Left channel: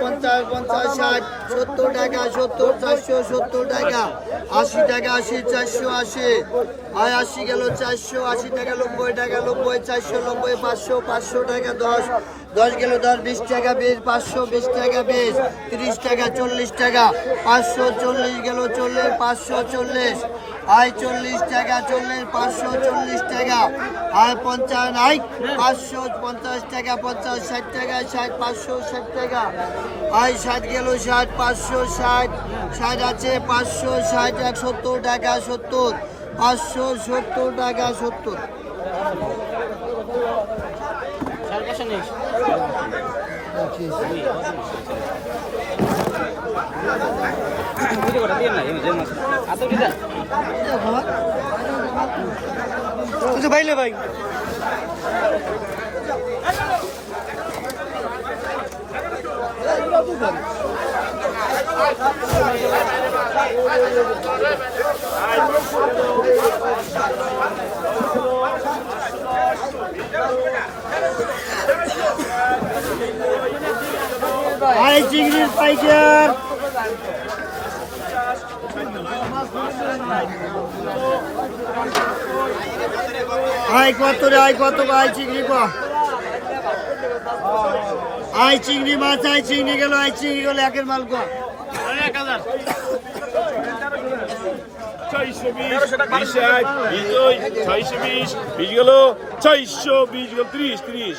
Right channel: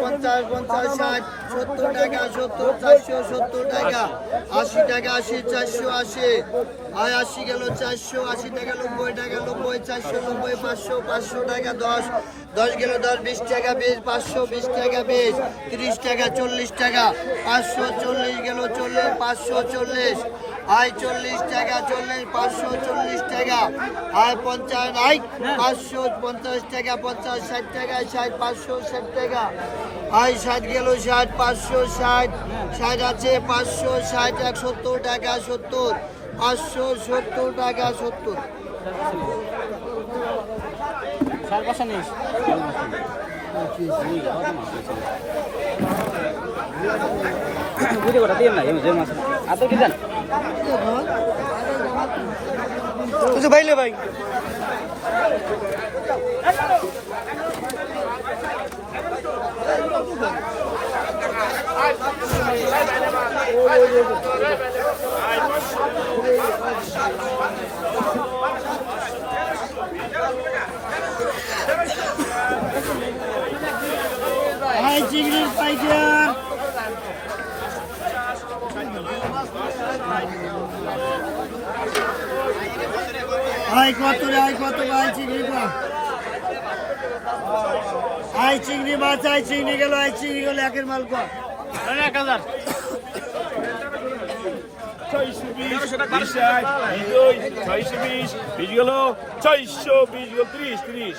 পঞ্চাশ পঞ্চাশ, ষাট, সত্তর টাকা, সত্তর, চারশো, সত্তর টাকা, আশি টাকা, আশি, চারশো, আশি। আয় আশি গেল চারশো, আশি টাকা, নব্বই টাকা, নব্বই, চারশো, নব্বই, পাঁচশো পাঁচশো টাকা, দশ। দশ গেল দশ, বিশ টাকা, বিশ, পাঁচশো, বিশ টাকা, বিশ। তিরিশ টাকা, চল্লিশ টাকা, পাঁচশো, চল্লিশ গেল চল্লিশ, পাঁচশো, চল্লিশ। আয় চল্লিশ টাকা, চল্লিশ, পাঁচশো, চল্লিশ টাকা। আয় পঞ্চাশ আয় পাঁচশো, পঞ্চাশ টাকা, পঞ্চাশ, ষাট টাকা, ষাট, পাঁচশো, ষাট টাকা। আয় ষাট গেল, ষাট পাঁচশো ষাট ষাট আছে, পাঁচশো ষাট এক সত্তর টাকা সত্তর, পাঁচশো সত্তর টাকা সত্তর। ভাই। আয় চিংড়ির পাইকার আয় কত রে, আয় কত আয় চিংড়ি কো আয় চিংড়ি মাছ, আয় চিংড়ি গেল, আয় চিংড়ি গেল, একের মাল কো ছয়শো বিশ বিশ এক দুই ছয়শো বিশ বিশ গেল ছয়শো বিশ গেল ত্রিশ ত্রিশ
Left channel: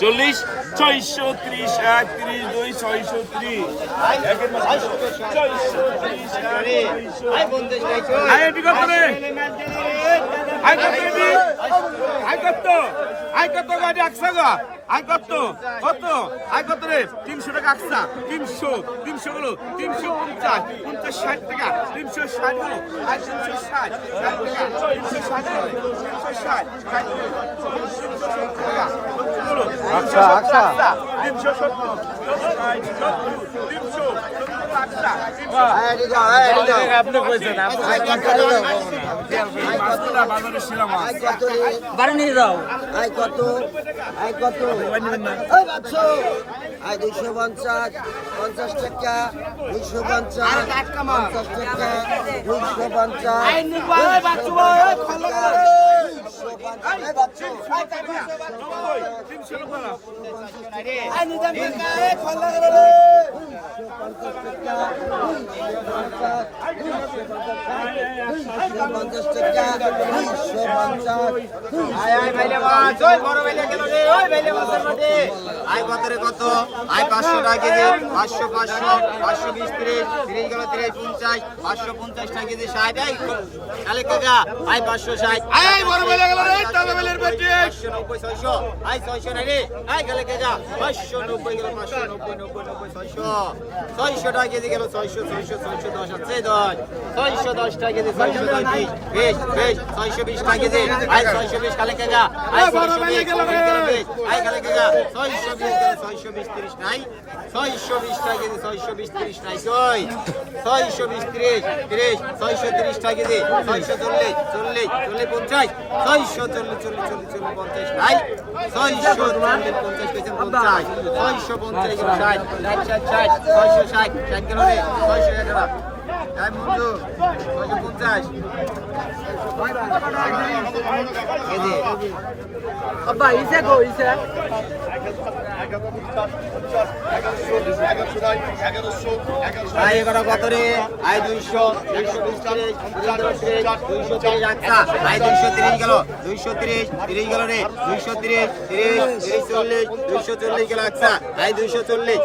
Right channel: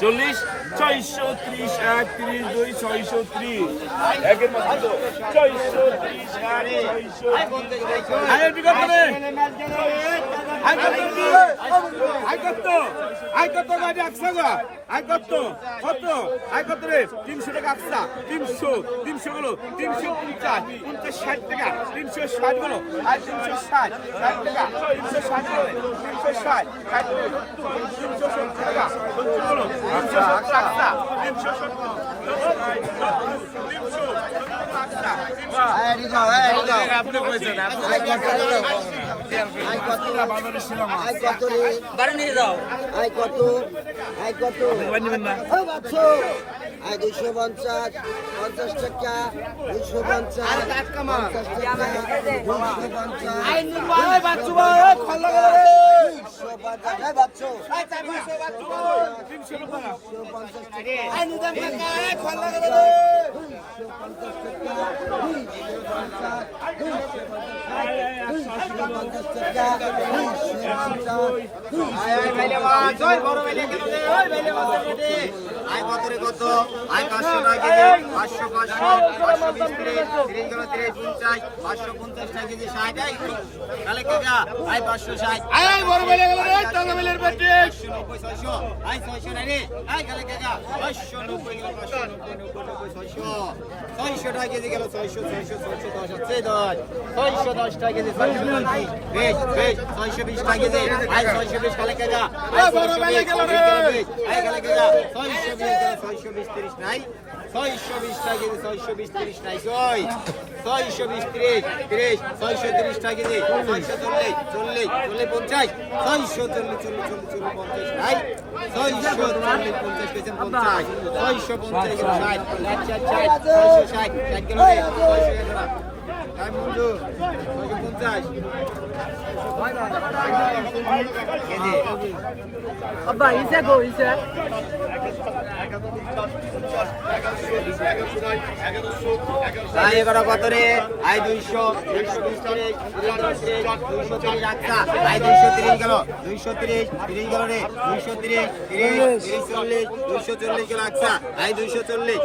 চল্লিশ ছয়শো ত্রিশ এক ত্রিশ দুই ছয়শো ত্রিশ ছয়শো ত্রিশ এটি কত গাড়ি একশো গা? আই কত? কত? আই কত রে? তিনশো টাকা একশা তিনশো তিনশো গুলো তিনশো পঞ্চাশ পঞ্চাশ ষাট টাকা। তিনশো ষাটগুলো আর তিনশো ষাট ষাট টাকা। তিনশো ষাটগুলো তিনশো ষাট তিনশো টাকা। সত্তরগুলো তিনশো সত্তর। তিনশো সত্তর তিনশো টাকা বাড়ানি দাও আয় কত আয় কত আয় দুইশো পঞ্চাশ পঞ্চাশ টাকা দুইশো পঞ্চাশ পঞ্চাশ টাকা দুইশো পঞ্চাশ, আয় আয় কত আয় পাঁচশো টাকা পাঁচশো পাঁচশো পাঁচশো বিশ তিরিশ তিরিশ গেল তিরিশ পঞ্চাশ পাঁচশো পঞ্চাশ টাকা কেজি ষাট কাকা আয় পাঁচশো ষাট আয় বড় বেলা গেল তালবেলের বটি পাঁচশো নব্বই ছয়শো। আয় ছয়শো না রে। আয় গেলে কাকা পাঁচশো নব্বই গেল পাঁচশো নব্বই নব্বই নব্বই ছয়শো। ছয়শো টাকা কেজি গেল ছয়শো ছয়শো ছয়শো দশ দশ। ছয়শো দশ টাকা কেজি ছয়শো দশ বিশ। বেশ বেশ ছয়শো বিশ টাকা কেজি। ছয়শো বিশ আয় ছয়শো বিশ ছয়শো বিশ গেলে ছয়শো বিশ তিরিশ নাই। ছয়শো বিশ টাকা কেজি ছয়শো বিশ তিরিশ নাই। ছয়। ছয়শো বিশ তিরিশ তিরিশ ছয়শো তিরিশ টাকা কেজি ছয়শো চল্লিশ চল্লিশ চল্লিশ পঞ্চাশ। ছয়শো চল্লিশ চল্লিশ চল্লিশ, পঞ্চাশ নাই ছয়শো চল্লিশ পঞ্চাশ পেয়েছেন পঞ্চাশ। ছয়শো পঞ্চাশ, ষাট। ষাট ষাট ষাট ছয়শো ষাট। ষাট গেল রে। ছয়শো পঞ্চাশ। আব্বা, ইসে গো, ইসে। আয় এবার কত রে আয় দুইশো দুইশো বিশ তিরিশ দুইশো তিরিশ আচ্ছা আয় দুইশো তিরিশ গেল, দুইশো তিরিশ তিরিশ গেল রে, দুইশো তিরিশ তিরিশ তিরিশ চল্লিশ, দুইশো চল্লিশ গেল আচ্ছা আয় দুইশো চল্লিশ।